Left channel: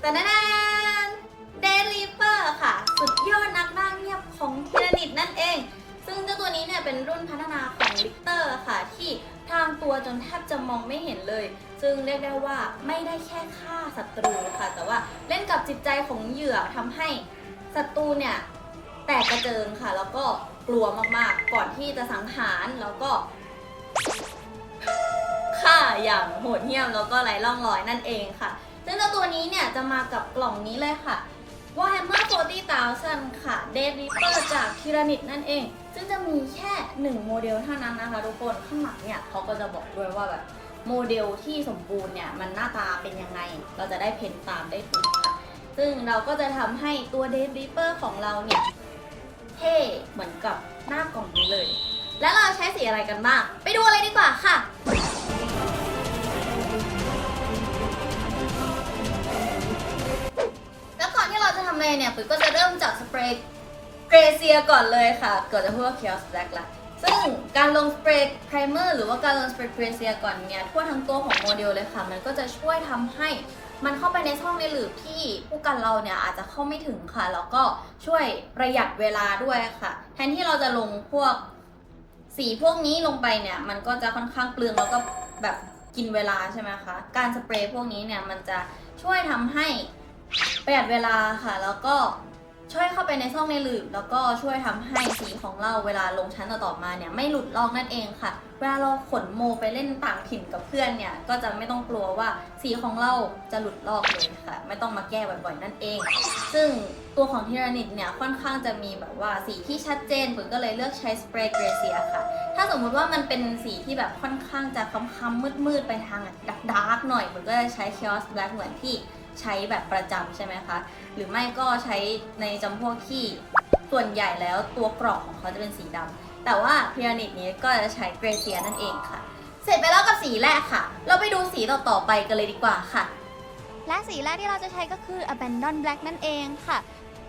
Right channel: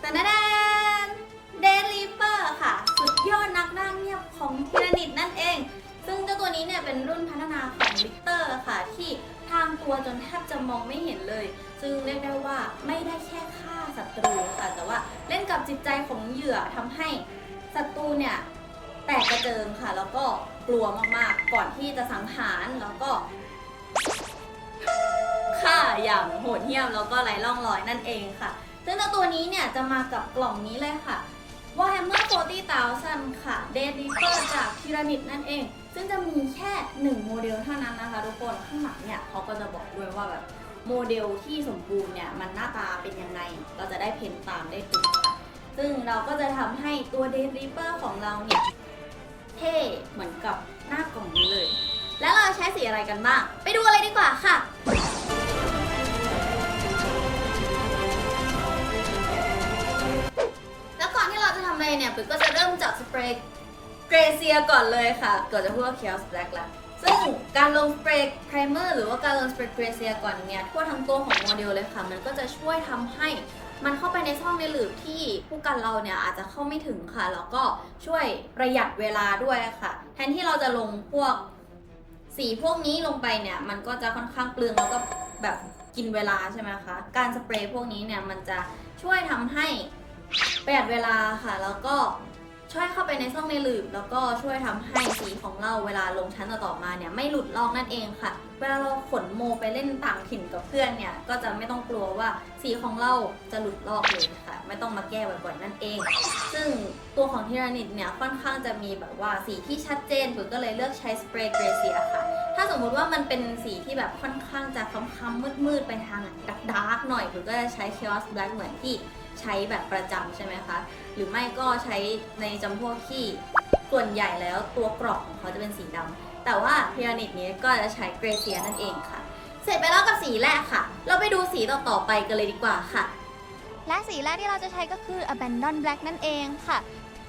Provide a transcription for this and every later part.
แต่แนนเดลิเปอร์ค่ะ สุดยอดนักร่งเงียบของทีรนิตนั่นเอง ซึ่งเจ้าตัวนี้เนี่ยเป็นรุ่นพัฒนาของลิกเตอร์ค่ะ ที่ทางตัวจนแทบจะมองไม่เห็นเลย ซึ่งเรียกได้ว่าไม่ได้แค่ฆ่าศัตรูค่ะ แต่ว่าเล่นกับจิตใจของเหยื่อทำให้ศัตรูเนี่ยแตกกระเจิงค่ะ แล้วก็กลัวมากๆ ก่อนที่จะสังหารแล้วก็ค่าอย่างโหดเหี้ยมแล้วก็ไร้ร่องรอยนั่นเองค่ะ ซึ่งเจ้าตัวนี้เนี่ยจะมากับกล่องนี้เลยค่ะ Warhammer 40,000 ค่ะ Dead Reaper จากทีรนิตนั่นเอง ซึ่งจะมีแค่ 1 โมเดลเท่านั้นนะคะ ทุกคนข้างหลังเนี่ยเขาก็จะบอกด้วยว่าแบบโมเดลที่สมบูรณ์เนี่ยมันหน้าตาเป็นยังไง เราจะได้เพ้นตามได้ถูกค่ะ ซึ่งเราก็จะทำให้ตัว Dead Reaper ของเราเนี่ยเท่เหมือนกับหน้ากล่องนี้เลย แล้วเราใช้สีอะไรกันบ้าง ไปดูอะไรดีกว่าค่ะ เราจะทำอะไรเนี่ยปุ๋ยก็จะเริ่มจากสเปรย์เกรเซียก่อนเลยค่ะก่อนจะพูดว่าเคียวสแบล็กละซึ่งการลงสเปรย์ไพรเมอร์หรือว่าการลงสเปรย์เกรเซียก่อนเนี่ยทั่วทั้งตัวของโมเดลเลยค่ะ มันก็จะช่วยทำให้มันเข้าไปในช่องในหลืบที่ผู้กันเราเนี่ยอาจจะเข้าไม่ถึงค่ะ แล้วก็ช่วยประหยัดเวลาด้วยค่ะ แทนที่เราจะลงพวกสีพวกนี้ลงไปเนี่ย มันก็จะค่อนข้างเปลืองแล้วก็แบบกินเวลาใช่ไหมคะ การสเปรย์พวกนี้เนี่ยมันจะช่วยทำให้ ประหยัดเวลาค่ะ แล้วก็ช่วยเข้าไปในช่องในหลืบ แล้วก็ช่วยทำให้สีของเราเวลาลงชั้นต่อๆมาเนี่ยไม่หลุดลอกนั่นเองค่ะ เวลาเราขนโมไปเล่นต่างถิ่นกับเพื่อนเนี่ยก็จะไม่ต้องกลัวว่าสีของเราจะหลุดลอกเลยค่ะ ไม่ต้องมาแก้บ่อยๆนั่นเอง ซึ่งตัวของทีรานิตเนี่ยค่อนข้างจะมีแบบว่าสีที่ชัดเจนปุ๋ยก็เลยเลือกใช้สเปรย์เกรเซียค่ะ ถ้าสมมุติว่ามันเป็นสีที่แบบค่อนข้างจะค้ำๆมืดๆไปทางดักดาร์กหน่อยปุ๋ยก็จะใช้ Chaos Black เหมือนที่ ใช้แบบประจำใช่ไหมคะหรือไม่ก็ใช้ในจำพวกที่ส่วนใหญ่แล้วตัวกรอบของเขาจะเป็นสีดำแต่ว่าพีระมิดนี้ก็จะใช้เกรเซียนั่นเองค่ะ เสร็จไปแล้วกับสีแรกค่ะ เราไปดูสีต่อๆไปกันเลยดีกว่าค่ะและสีแรกที่เราจะใช้ก็คือ Abandon Black นั่นเองค่ะ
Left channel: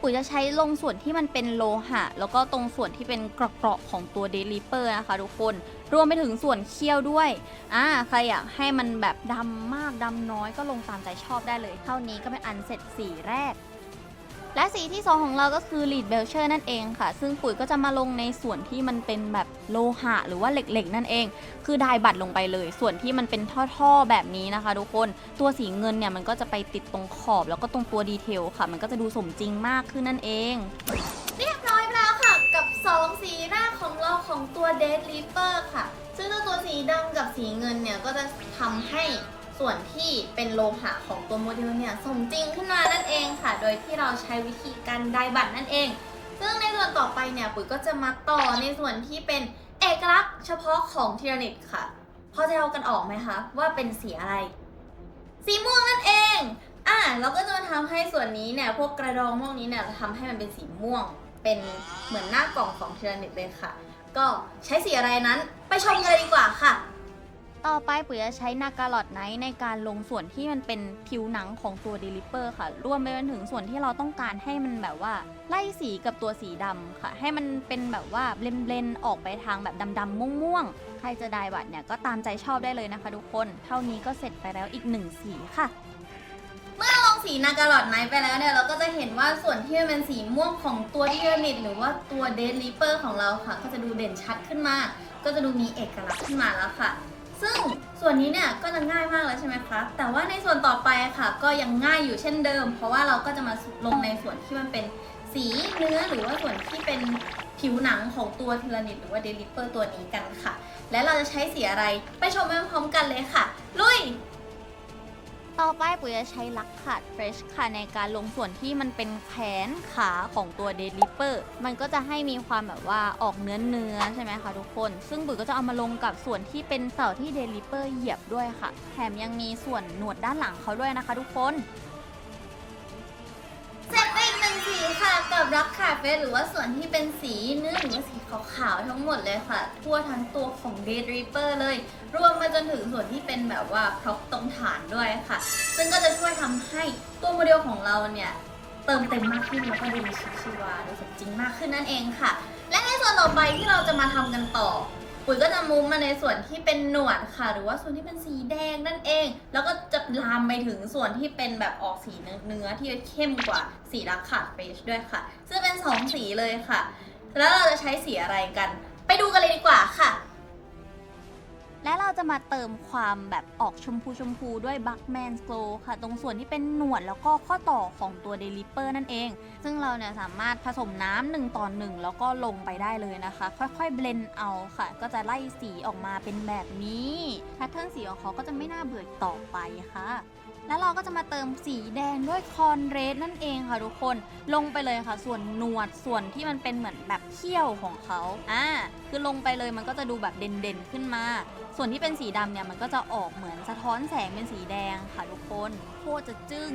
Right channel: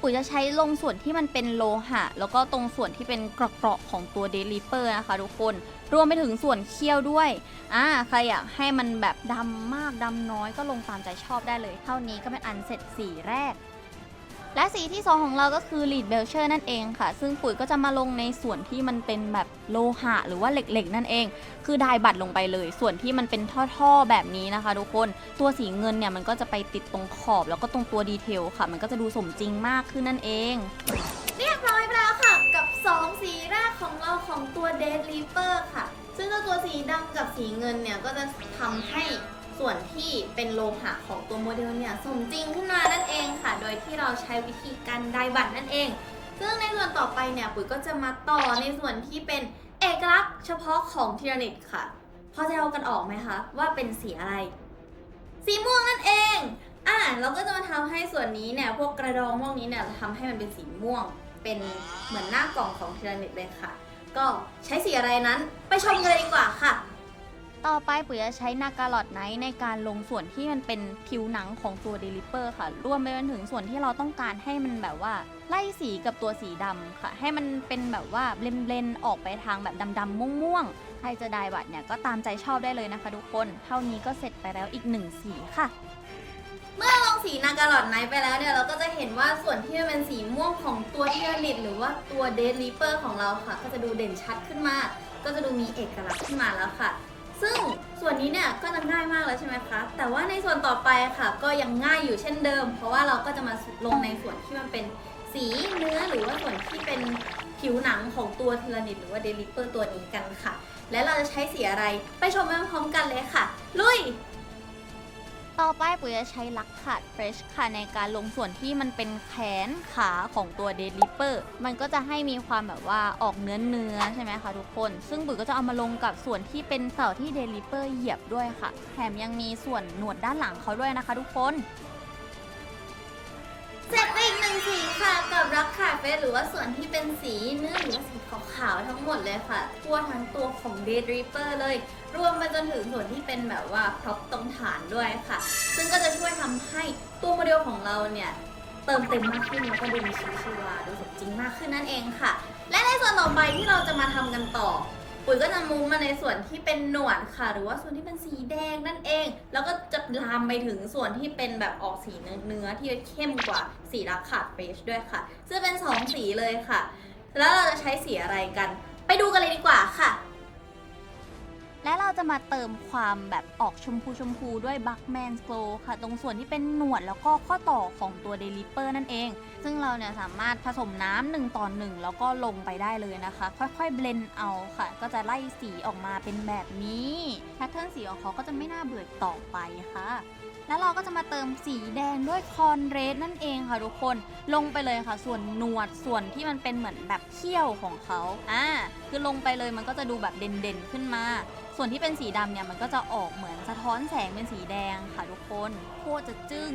ปุ๋ยจะใช้ลงส่วนที่มันเป็นโลหะ แล้วก็ตรงส่วนที่เป็นเกราะๆของตัวเดลิเปอร์นะคะทุกคน รวมไปถึงส่วนเคี้ยวด้วย อ่า ใครอยากให้มันแบบดำมากดำน้อยก็ลงตามใจชอบได้เลย เท่านี้ก็เป็นอันเสร็จสีแรก และสีที่ 2 ของเราก็คือ Lead Belcher นั่นเองค่ะ ซึ่งปุ๋ยก็จะมาลงในส่วนที่มันเป็นแบบโลหะหรือว่าเหล็กๆ นั่นเอง คือไดายบัตรลงไปเลย ส่วนที่มันเป็นท่อๆ แบบนี้นะคะทุกคน ตัวสีเงินเนี่ยมันก็จะไปติดตรงขอบ แล้วก็ตรงตัวดีเทลค่ะ มันก็จะดูสมจริงมากขึ้นนั่นเอง เรียบร้อยไปแล้วค่ะ กับ 2 สีแรกของเราของตัว Dead Reaper ค่ะ ซึ่งตัวสีดำกับสีเงินเนี่ยก็จะทำให้ ส่วนที่เป็นโลหะของตัวโมเดลเนี่ยสมจริงขึ้นมานั่นเองค่ะ โดยที่เราใช้วิธีการไดบัตรนั่นเอง ซึ่งในส่วนต่อไปเนี่ยปุ๋ยก็จะมาต่อในส่วนที่เป็นเอกลักษณ์เฉพาะของทีรนิตค่ะ พอจะเอากันออกไหมคะ ว่าเป็นสีอะไร สีม่วงนั่นเอง อะเราก็จะมาทำให้ส่วนนี้เนี่ยพวกกระดองพวกนี้เนี่ยจะทำให้มันเป็นสีม่วง เป็นเหมือนหน้ากล่องของทีรนิตเลยค่ะ ก็ใช้สีอะไรนั้นไปชมกันเลยดีกว่าค่ะ ต่อไปปุ๋ยจะใช้นาการอดไนท์ในการลงส่วนที่มันเป็นผิวหนังของตัวเดลิเปอร์ค่ะ รวมไปจนถึงส่วนที่เราต้องการให้มันแบบว่า ไล่สีกับตัวสีดำค่ะ ให้มันเป็นแบบว่าเบลนๆออกไปทางแบบดำๆม่วงๆ ใครจะได้บัตรเนี่ยก็ตามใจชอบได้เลยนะคะทุกคน เท่านี้ก็เสร็จไปแล้วอีกหนึ่งสีค่ะเมื่อลงสีนาการอดไนท์ไปแล้วเนี่ยเราก็จะเห็นว่าส่วนที่มันเป็นสีม่วงของตัวเทีรนิตหรือว่าตัวเดดลิเปอร์ของเราค่ะ ก็จะดูเด่นชัดขึ้นมาก ก็จะดูมีเอกลักษณ์ขึ้นมาแล้วค่ะ ซึ่งส่วนนี้เนี่ยก็จะง่ายมากแล้วใช่ไหมคะ แต่ว่าในส่วนต่อไปค่ะ ก็ยังง่ายอยู่เช่นเดิม เพราะว่าเราก็จะมาลงในส่วนที่มันเป็นสีเนื้อหรือว่าส่วนที่เป็นผิวหนังของตัวทีรนิตหรือว่าเดลิเปอร์ตัวนี้กันค่ะ และเราจะใช้สีอะไรไปชมไปพร้อมกันเลยค่ะ ลุย ต่อไปปุ๋ยจะใช้ลักขัดเฟรชค่ะในการลงส่วนที่มันเป็นแขนขาของตัวเดลิเปอร์มันก็จะให้มีความแบบว่าออกเนื้อเนื้อใช่ไหมคะทุกคน ซึ่งปุ๋ยก็จะเอามาลงกับส่วนที่เป็นเสาที่เดลิเปอร์เหยียบด้วยค่ะ แถมยังมีส่วนหนวดด้านหลังเขาด้วยนะคะ ทุกคน สีค่ะกับรักขาดเฟสหรือว่าส่วนที่เป็นสีเนื้อหรือว่าสีขาวๆทั้งหมดเลยค่ะ ทั่วทั้งตัวของ Dead Reaper เลย รวมไปจนถึงส่วนที่เป็นแบบว่าพร็อพตรงฐานด้วยค่ะ ซึ่งก็จะช่วยทำให้ตัวโมเดลของเราเนี่ยเติมเต็มมากขึ้นแล้วก็ดูมีชีวิตชีวาดูสมจริงมากขึ้นนั่นเองค่ะ และในส่วนต่อไปที่เราจะมาทำกันต่อ ปุ๋ยก็จะมุมมาในส่วนที่เป็นหนวดค่ะ หรือว่าส่วนที่เป็นสีแดงนั่นเอง แล้วก็จะลามไปถึงส่วนที่เป็นแบบออกสีเนื้อที่เข้มกว่าสีรักขาดเฟชด้วยค่ะ ซึ่งเป็นสองสีเลยค่ะ แล้วเราจะใช้สีอะไรกัน ไปดูกันเลยดีกว่าค่ะและเราจะมาเติมความแบบออกชมพูชมพูด้วยบัคแมนสโกค่ะ ตรงส่วนที่เป็นหนวดแล้วก็ข้อต่อของตัวเดลิเปอร์นั่นเอง ซึ่งเราเนี่ยสามารถผสมน้ำหนึ่งต่อหนึ่งแล้วก็ลงไปได้เลยนะคะ ค่อยๆเบลนเอาค่ะ ก็จะไล่สีออกมาเป็นแบบนี้แพทเทิร์นสีของเขาก็จะไม่น่าเบื่อต่อไปค่ะแล้วเราก็จะมาเติมสีแดงด้วยคอนเรดนั่นเองค่ะทุกคนลงไปเลยค่ะ ส่วนหนวดส่วนที่มันเป็นเหมือนแบบเขี้ยวของเขาอ่าคือลงไปเลยมันก็จะดูแบบเด่นๆขึ้นมา ส่วนที่เป็นสีดำเนี่ยมันก็จะออกเหมือนสะท้อนแสงเป็นสีแดงค่ะทุกคนโคตรจะจึ้ง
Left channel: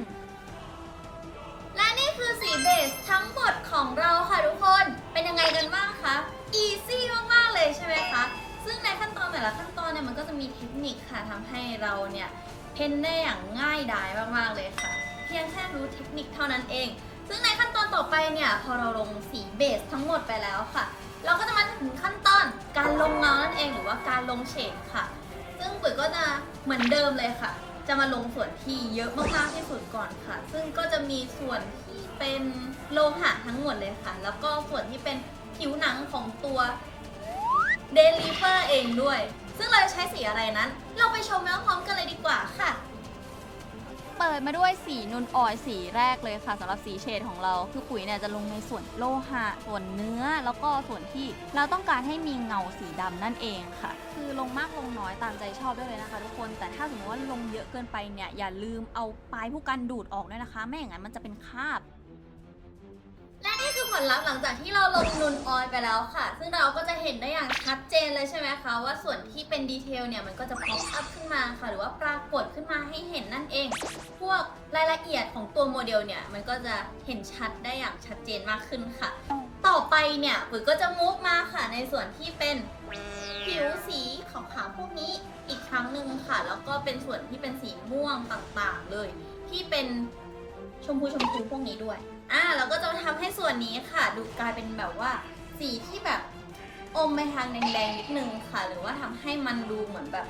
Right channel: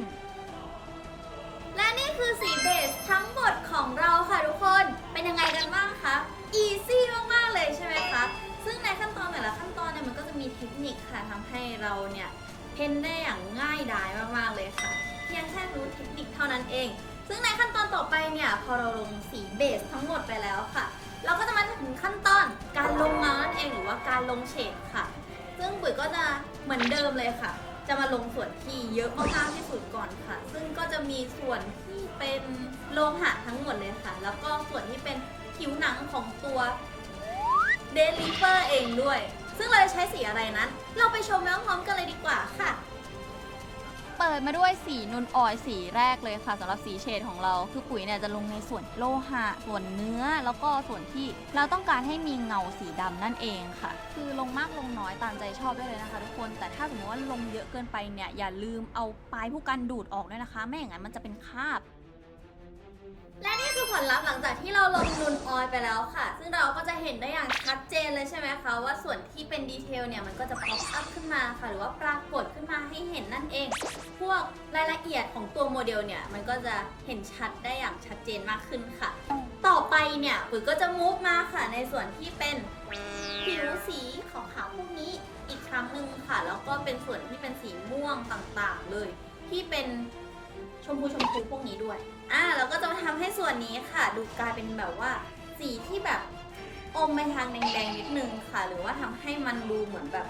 คือสีเบสทั้งหมดของเราค่ะทุกคน เป็นยังไงกันบ้างคะ อีซี่มากๆเลยใช่ไหมคะ ซึ่งในขั้นตอนแต่ละขั้นตอนเนี่ยมันก็จะมีเทคนิคค่ะทำให้เราเนี่ยเพ้นได้อย่างง่ายดายมากๆเลยค่ะ เพียงแค่รู้เทคนิคเท่านั้นเอง ซึ่งในขั้นตอนต่อไปเนี่ยพอเราลงสีเบสทั้งหมดไปแล้วค่ะ เราก็จะมาถึงขั้นตอนการลงเงานั่นเองหรือว่าการลงเฉดค่ะ ซึ่งปุ๋ยก็จะเหมือนเดิมเลยค่ะ จะมาลงส่วนที่เยอะมากๆที่สุดก่อนค่ะ ซึ่งก็จะมีส่วนที่เป็นโลหะทั้งหมดเลยค่ะ แล้วก็ส่วนที่เป็นผิวหนังของตัวเดลิเวอร์เองด้วย ซึ่งเราจะใช้สีอะไรนั้น เราไปชมแล้วพร้อมกันเลยดีกว่าค่ะ เปิดมาด้วยสีนุนออยสีแรกเลยค่ะสำหรับสีเฉดของเรา คือปุ๋ยเนี่ยจะลงในส่วนโลหะ ส่วนเนื้อแล้วก็ส่วนที่เราต้องการให้มีเงาสีดำนั่นเองค่ะ คือลงมากลงน้อยตามใจชอบได้เลยนะคะ ทุกคนแต่ถ้าสมมติว่าลงเยอะเกินไปเนี่ยอย่าลืมเอาปลายผู้กันดูดออกด้วยนะคะ ไม่อย่างนั้นมันจะเป็นคราบ และนี่คือผลลัพธ์หลังจากที่เราลงนูนออยล์ไปแล้วค่ะ ซึ่งเราก็จะเห็นได้อย่างชัดเจนเลยใช่ไหมคะ ว่าส่วนที่เป็นดีเทลเนี่ยมันก็จะป๊อปอัพขึ้นมาค่ะ หรือว่าปรากฏขึ้นมาให้เห็นนั่นเอง พวกรายละเอียดของตัวโมเดลเนี่ยมันก็จะเห็นชัดได้อย่างชัดเจนมากขึ้นค่ะ ต่อไปเนี่ยปุ๋ยก็จะมูฟมาค่ะ ในส่วนที่เป็นผิวสีขาวๆพวกนี้อีกครั้งหนึ่งค่ะ แล้วก็เป็นส่วนที่เป็นสีม่วงต่างๆ เลย ที่เป็นชมพูชมพูพวกนี้ด้วย อ่าเราก็จะมาทำให้ส่วนนี้ค่ะ ดูกลายเป็นแบบว่า สีที่แบบอมไปทางแดงๆนิดนึงค่ะ หรือว่าทำให้มันดูเหมือนแบบ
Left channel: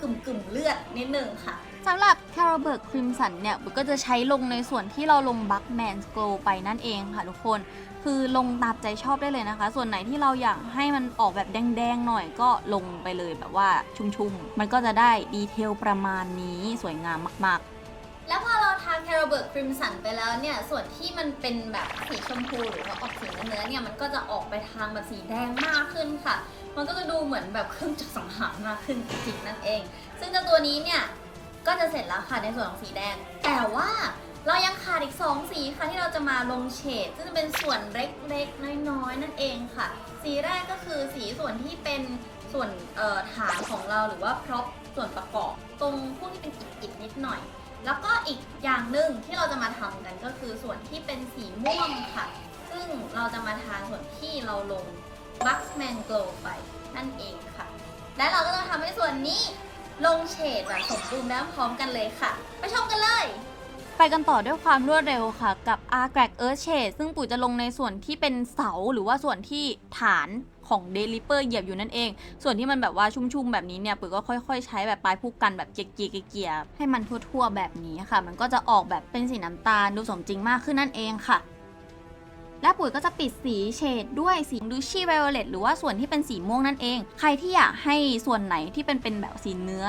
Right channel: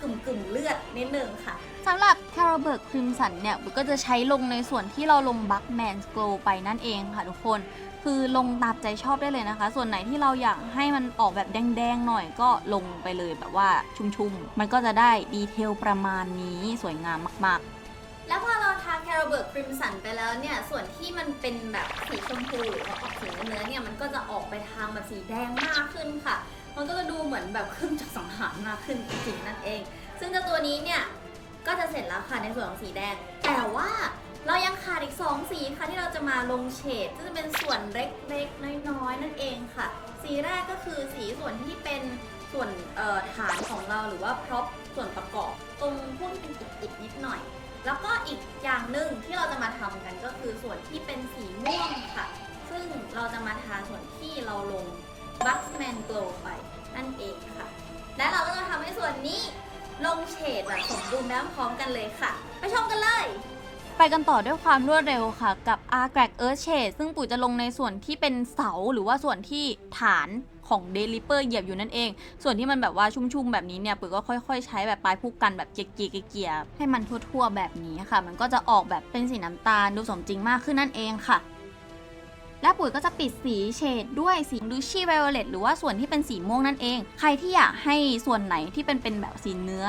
กึ่มๆเลือดนิดนึงค่ะ สำหรับ c a r a b e r g Crimson เนี่ยบุ๊กก็จะใช้ลงในส่วนที่เราลง Buckman Glow ไปนั่นเองค่ะทุกคน คือลงตามใจชอบได้เลยนะคะ ส่วนไหนที่เราอยากให้มันออกแบบแดงๆหน่อยก็ลงไปเลยแบบว่าชุ่มๆ มันก็จะได้ดีเทลประมาณนี้สวยงามมากแล้วพอเราทา แคโรเบิร์กคริมสันไปแล้วเนี่ย ส่วนที่มันเป็นแบบสีชมพูหรือว่าออกสีเนื้อเนี่ยมันก็จะออกไปทางแบบสีแดงมากขึ้นค่ะ มันก็จะดูเหมือนแบบเครื่องจักรสังหารมากขึ้นจริงนั่นเอง ซึ่งเจ้าตัวนี้เนี่ยก็จะเสร็จแล้วค่ะในส่วนของสีแดง แต่ว่าเรายังขาดอีก 2 สีค่ะที่เราจะมาลงเฉดซึ่งจะเป็นส่วนเล็กๆน้อยๆนั่นเองค่ะ สีแรกก็คือสีส่วนที่เป็นส่วนฐานของเราหรือว่าพร็อพส่วนประกอบ ตรงพวกที่เป็นอิฐๆนิดหน่อย แล้วก็อีกอย่างหนึ่งที่เราจะมาทำกันก็คือส่วนที่เป็นสีม่วงค่ะ ซึ่งเราจะมาทาส่วนที่เราลง Buxman Glow ไปนั่นเองค่ะ และเราก็จะทำให้ส่วนนี้ลงเฉดแบบสมบูรณ์แบบพร้อมกันเลยค่ะ ไปชมกันเลย ไปกันต่อด้วยความรวดเร็วค่ะ กับ a r g r a g Earth Shade ซึ่งปุ๋ยจะลงในส่วนที่เป็นเสาหรือว่าส่วนที่ฐาน ของ d e l i p e r เหยียบอยู่นั่นเอง ส่วนที่มันแบบว่าชุ่มๆแบบนี้เนี่ยปุ๋ยก็ค่อยๆ ใช้แบบปลายผู้กันแบบเกียๆเกียๆให้มันทั่วๆ แบบนี้ค่ะ มันก็จะออกแบบเป็นสีน้ำตาลดูสมจริงมากขึ้นนั่นเองค่ะและปุ๋ยก็จะปิดสีเฉดด้วยสีดูชี่ไวโอเลตหรือว่าส่วนที่เป็นสีม่วงนั่นเอง ใครที่อยากให้ส่วนไหนที่เป็นเป็นแบบสีเนื้อ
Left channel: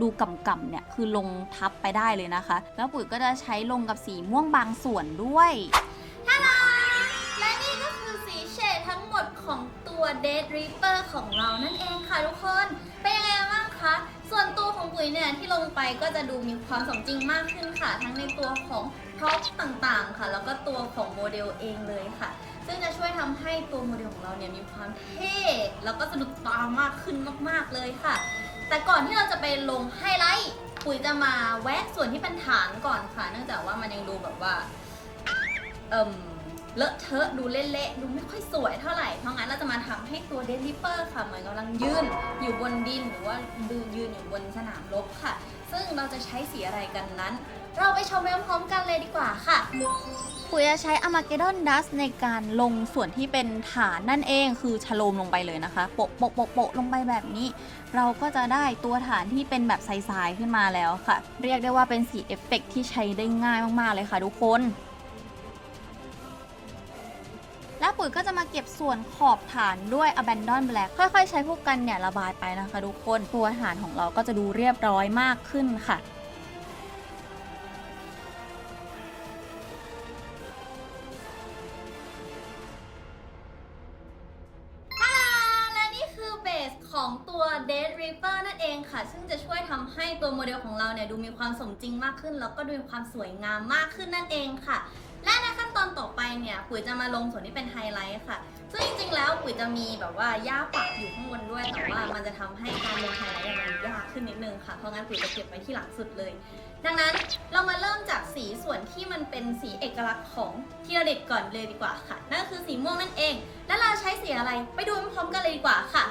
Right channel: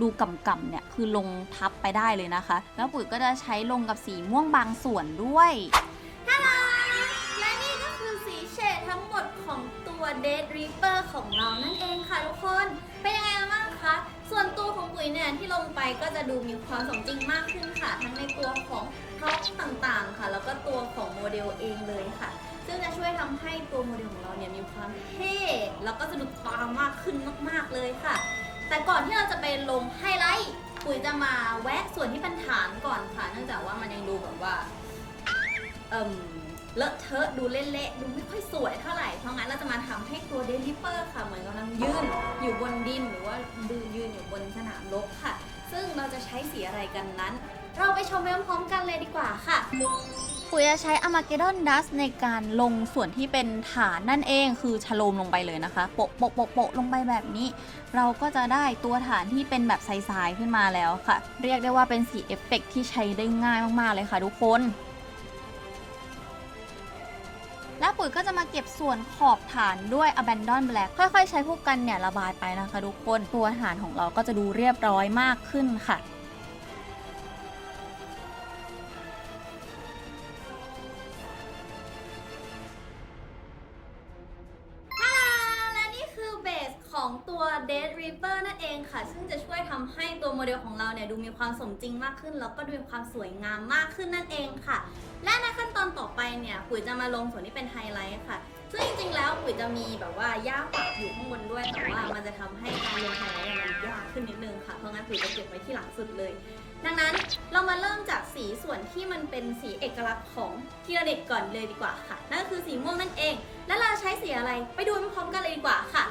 ดูกำๆเนี่ยคือลงทับไปได้เลยนะคะ แล้วปุ๋ยก็จะใช้ลงกับสีม่วงบางส่วนด้วยท่าดาแล ดของตัว Dead Reaper ของเรานั่นเองค่ะทุกคน เป็นยังไงบ้างคะ ส่วนตัวของปุ๋ยเนี่ยที่ลงไปก็จะดูมีความสมจริงมากขึ้นค่ะ ทั้งในตัวของพร็อพต่างๆค่ะ แล้วก็ตัวของโมเดลเองเลยค่ะ ซึ่งจะช่วยทำให้ตัวโมเดลของเราเนี่ยมีความเท่แล้วก็สะดุดตามากขึ้นมากๆเลยค่ะ แต่ก่อนที่เราจะไปลงไฮไลท์ปุ๋ยจะมาแวะส่วนที่เป็นฐานก่อนค่ะ เนื่องจากว่ามันยังดูแบบว่าเอ่ม เลอะเทอะดูเละๆดูไม่ค่อยสวยเท่าไหร่ เพราะงั้นเราจะมาทำให้ตัวเดลิเปอร์ค่ะ เหมือนกำลังยืนอยู่บนดินหรือว่าดูยืนอยู่บนสนามรบค่ะ ซึ่งเราจะใช้สีอะไรกันนั้น เราไปชมไปพร้อมๆกันเลยดีกว่าค่ะปุ๋ยจะใช้อ m มาเกดอนดัสในการลงส่วนที่เป็นฐานนั่นเองคือชโลมลงไปเลยนะคะโปะโปะโปะโปะลงไปแบบนี้ เราก็จะได้ตัวฐานที่เป็นแบบใสๆขึ้นมาแล้วค่ะ เรียกได้ว่าเป็นสีเอฟเฟกต์ที่ใช้ได้ง่ายมากๆเลยค่ะทุกคน แล้วปุ๋ยก็จะมาเก็บส่วนขอบฐานด้วย Abandon Black ค่อยๆ ใช้พวกกันเนี่ยระบายไปนะคะทุกคนตัวฐานของเราก็จะดูเรียบร้อยมากขึ้นค่ะและนี่คือเบสของตัว Dead Reaper นั่นเองค่ะ ซึ่งจะช่วยทำให้ตัวโมเดลของเราเนี่ย ดูมีความสมจริงมากขึ้น แล้วก็ดูมีความสวยงามมากขึ้นนั่นเองค่ะ อนต่อไปเนี่ยปุ๋ยจะมาลงส่วนที่เป็นไฮไลท์ค่ะ ซึ่งจริงๆแล้วปุ๋ยจะมีแบบว่าย่าปักอยู่ข้างบนด้วย แต่ว่ามันจะทำให้การลงไฮไลท์มันยากขึ้นนิดนึงค่ะ เพราะงั้นปุ๋ยจะเก็บไว้ที่หลังสุดเลย ดังนั้นเรามาเริ่มจากสีส่วนที่มันเป็นสีเอกลักษณ์ของทีระเด็ดก่อนเลยดีกว่าค่ะ นั่นก็คือสีม่วงนั่นเอง และเราใช้สีอะไรไปดูพร้อมกันเลยดีกว่าค่ะ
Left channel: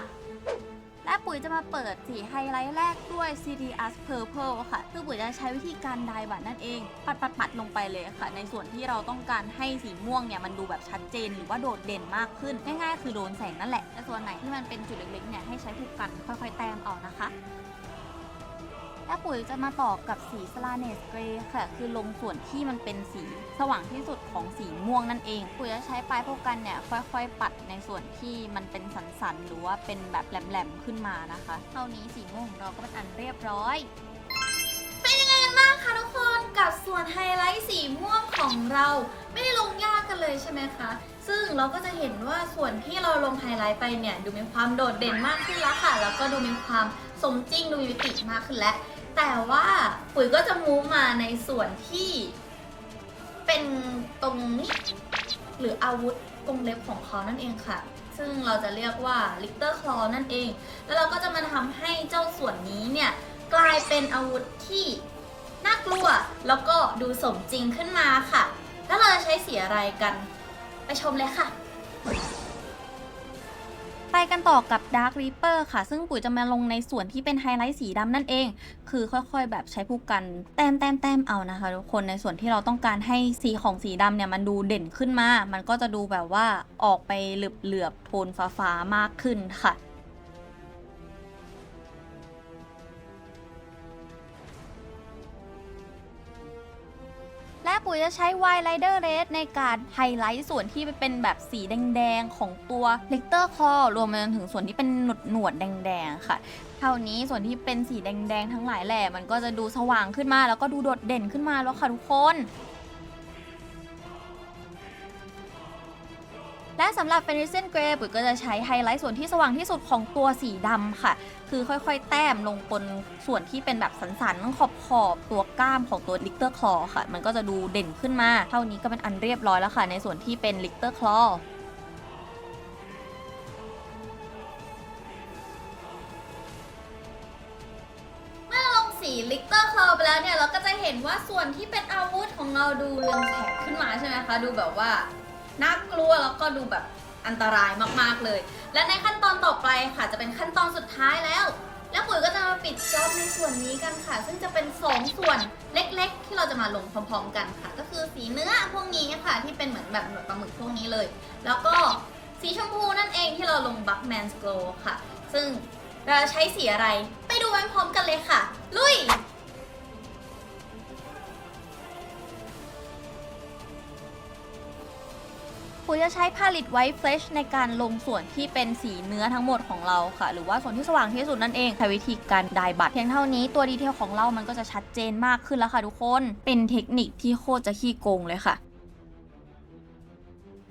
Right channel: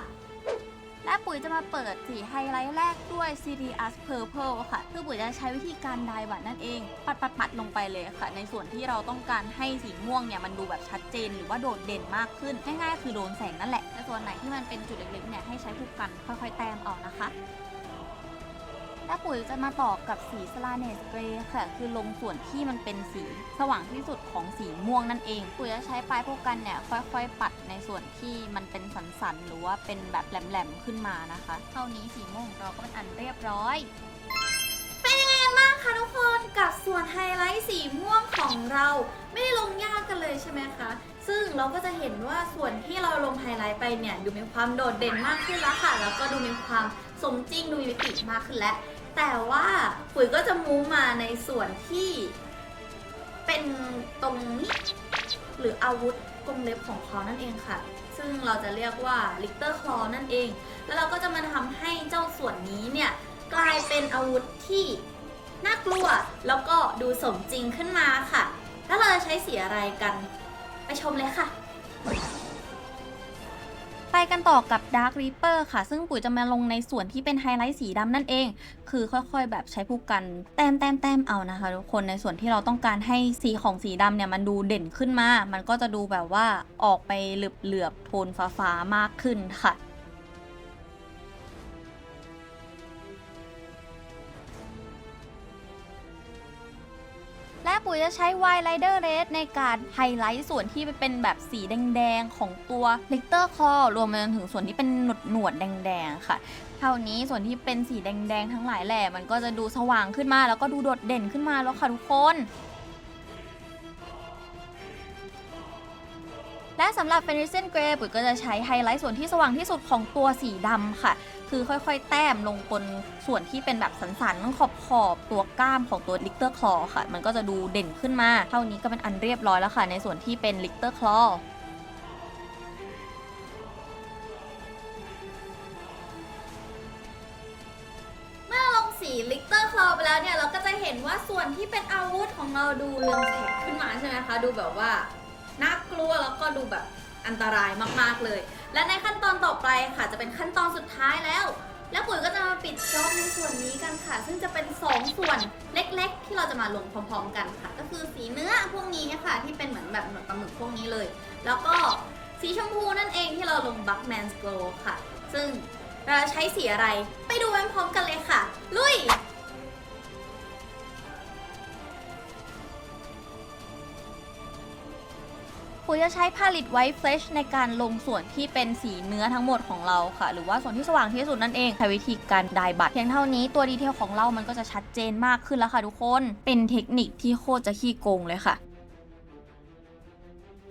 และปุ๋ยจะมาเปิดสีไฮไลท์แรกด้วย Sirius Purple ค่ะคือปุ๋ยจะใช้วิธีการไดบัตนั่นเอง ปัดปัดปัดลงไปเลยค่ะ ในส่วนที่เราต้องการให้สีม่วงเนี่ยมันดูแบบชัดเจน หรือว่าโดดเด่นมากขึ้น ง่ายๆ คือโดนแสงนั่นแหละแต่ส่วนไหนที่มันเป็นจุดเล็กๆเนี่ยให้ใช้ผู้กันค่อยๆ แต้มเอานะคะ และปุ๋ยจะมาต่อกับสีสลาเนสเกรย์ค่ะ คือลงส่วนที่มันเป็นสีสว่างที่สุดของสีม่วงนั่นเอง ปุ๋ยจะใช้ปลายพวกกันเนี่ย ค่อยๆ ปัดในส่วนที่มันเป็นสันๆ หรือว่าเป็นแบบแหลมๆ ขึ้นมานะคะ เท่านี้สีม่วงของเราก็เป็นอันเรียบร้อยเป็นยังไงกันบ้างคะทุกคนกับส่วนไฮไลท์สีม่วงของเราไม่ได้ลงยากกันเลยใช่ไหมคะ ซึ่งเราก็จะเห็นว่าส่วนที่เราลงไฮไลท์ไปเนี่ย ดูมีความโดดเด่นมากขึ้นแล้วค่ะ แล้วก็ดูมีความสมจริงดูมีมิติมากขึ้นแล้ว แต่ว่าปุ๋ยก็จะมูมาในส่วนที่เป็นตรงนี้หรืออาวุธกรงเล็บของเขานั่นเองค่ะ ซึ่งเราจะเรียกว่าลิกเตอร์คลอนั่นเอง แล้วเราก็จะมาทำให้เจ้าส่วนนี้เนี่ยกลายเป็นอาวุธที่น่ากลัวแล้วก็ดูสมจริงขึ้นมาค่ะ แล้วเราจะใช้สีอะไรกัน ไปชมเลยค่ะ ไปกันต่อกับ Dark Reaper ค่ะ ซึ่งปุ๋ยจะมาลงในส่วนที่เป็นไฮไลท์สีดำนั่นเอง คือค่อยๆ แบบใช้ผู้กัน แต้มแต้มแต้มเอานะคะทุกคนในส่วนที่เราต้องการให้สีของสีดำเนี่ย มันดูเด่นขึ้นมา มันก็จะดูแบบว่าออกไปเหลือบเหลือบๆโทนฟ้าๆมากขึ้นค่ะ และปุ๋ยจะใช้ Wide Rider Red ในการไฮไลท์ส่วนที่เป็นแบบสีแดงๆ ของตัวเลกเตอร์คอรวมไปจนถึงส่วนที่เป็นหนวดหนวดแดงๆค่ะเท่านี้ส่วนที่เป็นสีแดงๆ ทั้งหลายแหล่มันก็จะดูสว่างขึ้นมาแล้วก็ดูโดดเด่นขึ้นมาแล้วค่ะทุกคน และสำหรับ f e n r i s e n Grey ปุ๋ยก็จะใช้ไฮไลท์ส่วนที่สว่างที่สุดของตัวสีดำค่ะ คือค่อยๆ แต้มลงบนส่วนที่เป็นแบบสันๆขอบขอบๆตัวก้ามของตัว Lichter Claw ค่ะ มันก็จะดูเด่นขึ้นมา เท่านี้ก็เป็นอันเรียบร้อยแล้วค่ะ ในส่วนที่เป็น Lichter Claw เมื่อลงสีลิกเตอร์คลอไปแล้วเนี่ย เราก็จะเห็นว่าส่วนที่เป็นอาวุธของเราดูเรืองแสงขึ้นมาใช่ไหมคะ ดูแบบว่า น่ากลัวแล้วก็ดูแบบอันตรายมากๆเลย และในขั้นตอนต่อไปค่ะจะเป็นขั้นตอนสุดท้ายแล้ว แล้วปุ๋ยก็จะมาปิดจอบในส่วนนี้กันค่ะ ซึ่งจะเป็น 2 ส่วนเล็ก ๆ ที่เราจะมาลงพร้อม ๆ กันค่ะ ก็คือสีเนื้อพวกนี้ค่ะ ที่เป็นเหมือนแบบหนวดปลาหมึกพวกนี้เลย แล้วก็สีชมพูนั่นเองที่เราลง Buckman's Glow ค่ะ ซึ่งเราจะใช้สีอะไร ไปดูพร้อมกันเลยค่ะ ลุย ปุ๋ยจะใช้พาลิตไวท์เฟลชในการลงส่วนที่เป็นสีเนื้อทั้งหมดของเราค่ะ หรือว่าส่วนที่สว่างที่สุดนั่นเองใช้วิธีการดายบัตรเพียงเท่านี้ตัวดีเทลของเรามันก็จะชัดเจนมากขึ้นแล้วค่ะทุกคน เป็นเทคนิคที่โคตรจะขี้โกงเลยค่ะ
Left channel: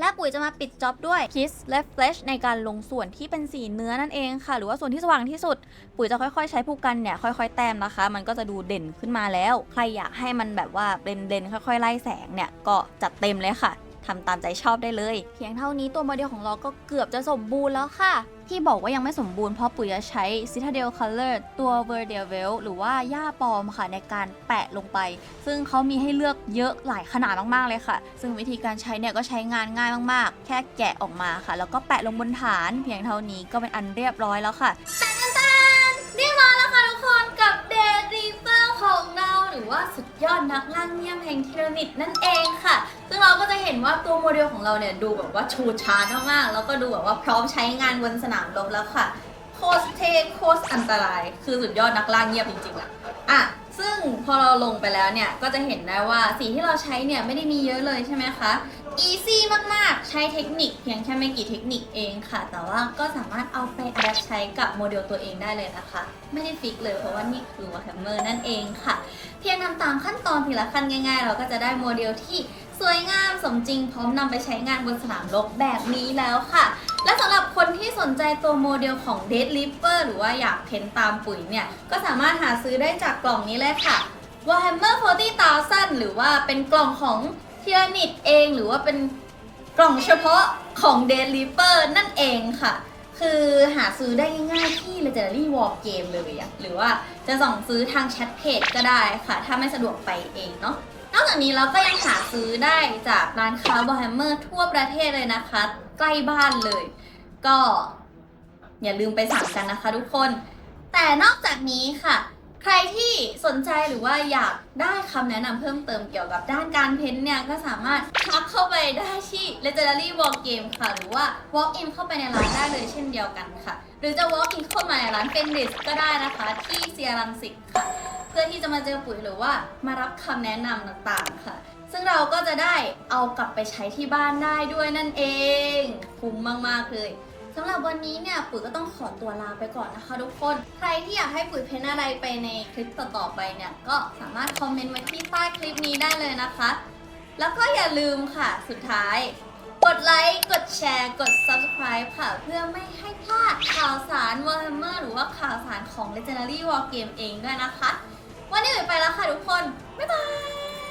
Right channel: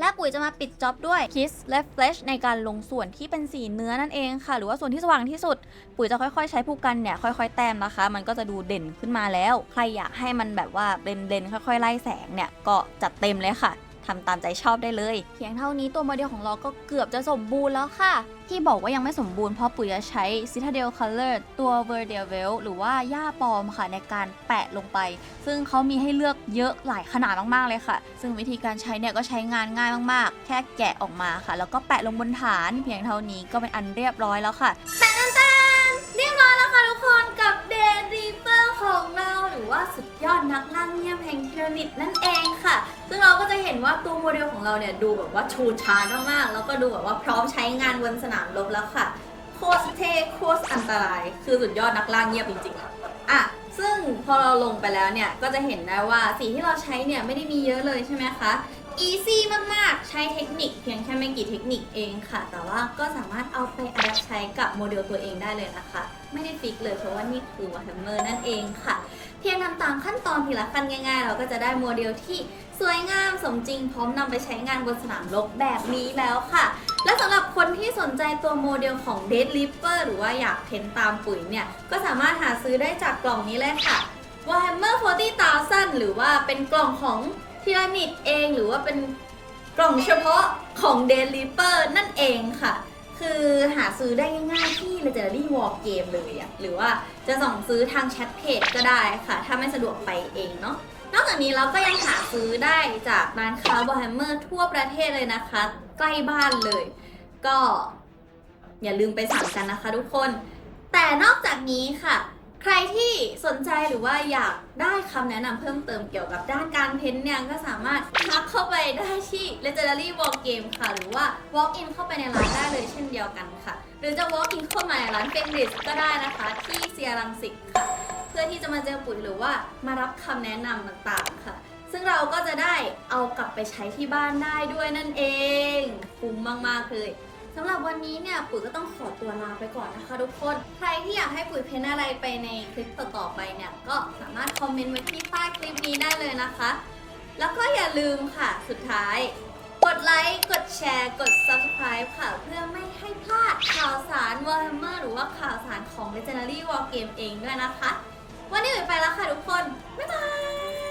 และปุ๋ยจะมาปิดจ็อบด้วย Kiss Left Flash ในการลงส่วนที่เป็นสีเนื้อนั่นเองค่ะ หรือว่าส่วนที่สว่างที่สุด ปุ๋ยจะค่อยๆ ใช้ผู้กันเนี่ยค่อยๆ แต้มนะคะ มันก็จะดูเด่นขึ้นมาแล้ว ใครอยากให้มันแบบว่าเด่นๆค่อยๆ ไล่แสงเนี่ยก็จัดเต็มเลยค่ะ ทำตามใจชอบได้เลย เพียงเท่านี้ตัวโมเดลของเราก็เกือบจะสมบูรณ์แล้วค่ะ ที่บอกว่ายังไม่สมบูรณ์เพราะปุ๋ยจะใช้ Citadel Color ตัว v e r d e v e l หรือว่าหญ้าปลอมค่ะในการแปะลงไป ซึ่งเขามีให้เลือกเยอะหลายขนาดมากๆเลยค่ะ ซึ่งวิธีการใช้เนี่ยก็ใช้งานง่ายมากๆ แค่แกะออกมาค่ะ แล้วก็แปะลงบนฐาน เพียงเท่านี้ก็เป็นอันเรียบร้อยแล้วค่ะแต่ตันตันเรียบร้อยแล้วค่ะทุกคนกับเดรีเปอร์ของเราหรือว่าสุดยอดนักล่าเงียบแห่งทีระมิดนั่นเองค่ะ ซึ่งเราก็จะเห็นว่าตัวโมเดลของเราเนี่ยดูแบบว่าชูชาร์มากๆ แล้วก็ดูแบบว่าพร้อมใช้งานบนสนามรบแล้วค่ะ โคตรเท่โคตรอันตราย คือสุดยอดนักล่าเงียบจริงๆอะอะซึ่งพอเราลงไปแล้วเนี่ย ก็จะเห็นได้ว่าสีที่เราใช้เนี่ยไม่ได้มีเยอะเลยใช่ไหมคะ easy มาก ๆ ใช้เทคนิคเพียงแค่ไม่กี่เทคนิคเองค่ะ แต่ว่าก็สามารถเอาไปอัดใช้กับโมเดลตัวเองได้เลยนะคะ ไม่ได้ฟิกเลยเพราะว่านี่คือ Warhammer นั่นเองค่ะ เพียงทำตามขั้นตอนทีละขั้นง่ายๆ เราก็จะได้โมเดลที่สวยงามสมจริงพร้อมนำไปใช้งานบนสนามรบแบบนี้แล้วค่ะ และสำหรับคนที่สนใจตัวโมเดลของ Dead Reaper หรือว่าอยากเพ้นตามปุ๋ยเนี่ย ก็สามารถหาซื้อได้จากกล่องนี้เลยค่ะ Warhammer 40,000 หรือว่าเป็นกล่องของทีรานิดเอง หรือว่าเป็นกล่องเฉพาะของ Dead Reaper นั่นเองค่ะ คือหาซื้อได้ง่ายๆที่ Legendary War Game เลยอะหรือว่าจะส่งซื้อทางแชทเพจก็ได้ค่ะ ถ้าไม่สะดวกไปเองเนาะนอกจากนี้เราก็ยังหาซื้อได้จากร้านค้าบอ r h a มเมอร์ทั่วประเทศเลยนะคะ ใกล้บ้านเลย ก็อย่าลืมไปสั่งกันนะคะทุกคน แต่นอกจากนี้ค่ะ ใครที่สนใจหรือว่าอยากได้คำแนะนำเพิ่มเติมเกี่ยวกับด้านการเพ้นท์เนี่ย ก็สามารถทักเข้าไปได้ที่ Legendary War Game ค่ะ หรือว่า walk in เข้าไปในร้านได้เลยเช่นเดียวกันค่ะ หรือจะ walk in เข้ามาในร้านเฟนดิสก็ได้นะคะ ที่เซียรังสิตค่ะ เพื่อที่จะมาเจอปุ๋ยหรือว่ามารับคำแนะนำต่างๆค่ะ ซึ่งเราก็จะได้เอากลับไปใช้ที่บ้านได้ด้วยนั่นเอง คุ้มมากๆเลย สำหรับวันนี้เนี่ยปุ๋ยก็ต้องขอตัวลาไปก่อนนะคะ ทุกคน ใครที่อยากให้ปุ๋ยเพ้นอะไรไปในคลิปต่อๆไปเนี่ยก็สามารถคอมเมนต์ไว้ที่ใต้คลิปนี้ได้เลยนะคะ แล้วก็อย่าลืมค่ะสุดท้าย กดไลค์ กดแชร์ กด subscribe ค่ะ เพื่อไม่ให้พลาดข่าวสาร Warhammer หรือว่าข่าวสารของ Legendary War Game เองด้วยนะคะ วันนี้ปุ๋ยไปแล้วค่ะทุกคน บ๊ายบาย